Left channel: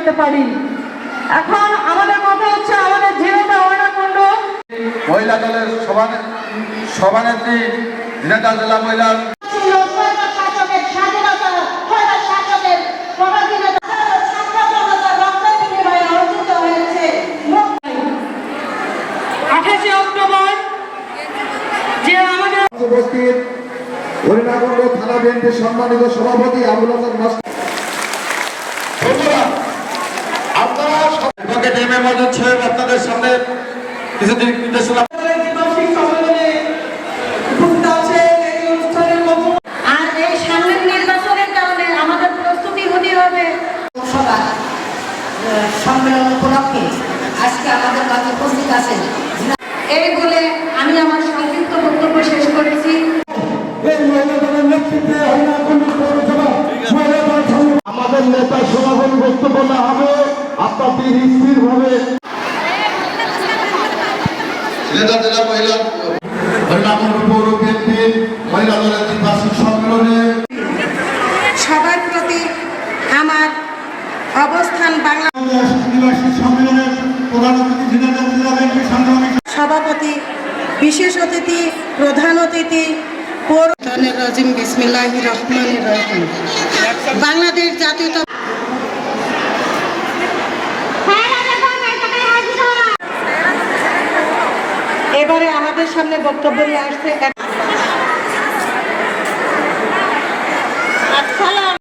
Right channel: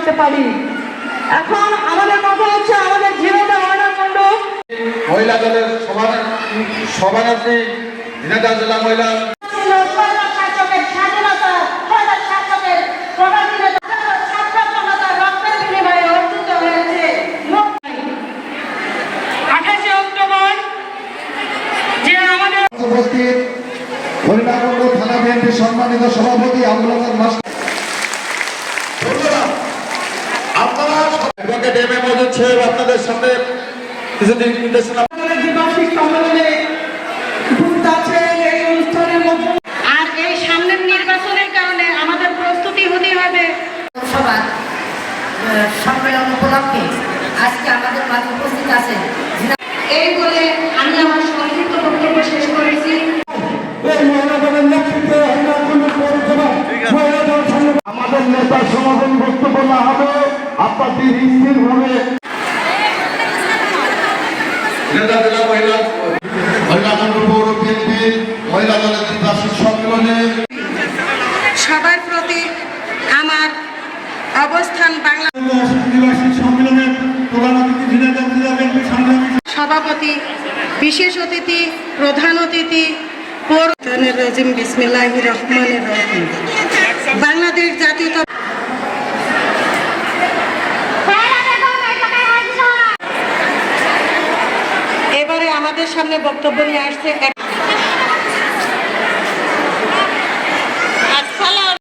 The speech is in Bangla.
করতে পারি। এখন আমাদের কথা হচ্ছে আমাদের ঝিনাইদহ মহিলা মণ্ডল মহিলা দলের সভানেত্রী ঝিনাইদহ জেলা মহিলা উপস্থিত হরিণাকুণ্ড থানা বিএনপির সম্মানিত সভাপতি আবুল হাসান মাস্টার, আপনারা মজুদ সাহেব আপনাদের সামনে কিছু দিক নির্দেশনা সম্মেলন উপলক্ষে আজকে আমাদের মাঝে উপস্থিত আছেন। এই বলে আমি আমার সংক্ষিপ্ত বক্তব্য শেষ করেছি। আমাদের নেতা সমাগম বক্তব্য না হবে আপনাদের স্থিরভাবে জেলা মহিলা হরিণাকুণ্ড পৌর বিএনপির মহিলা দলের দ্বিবার্ষিক সম্মেলনে সবার প্রতি আমার অবস্থান বাংলা সম্মেলনের প্রধান অতিথি ঝিনাইদহ জেলা বিএনপির সংগ্রামী সভাপতি, বিশেষ অতিথি, প্রধান অতিথি, পৌরনের রাজিম বিসমিল্লাহির রহমানির রহিম। বাংলাদেশ জাতীয় এবারে আমাদের সামনে বক্তব্য নিয়ে আসছে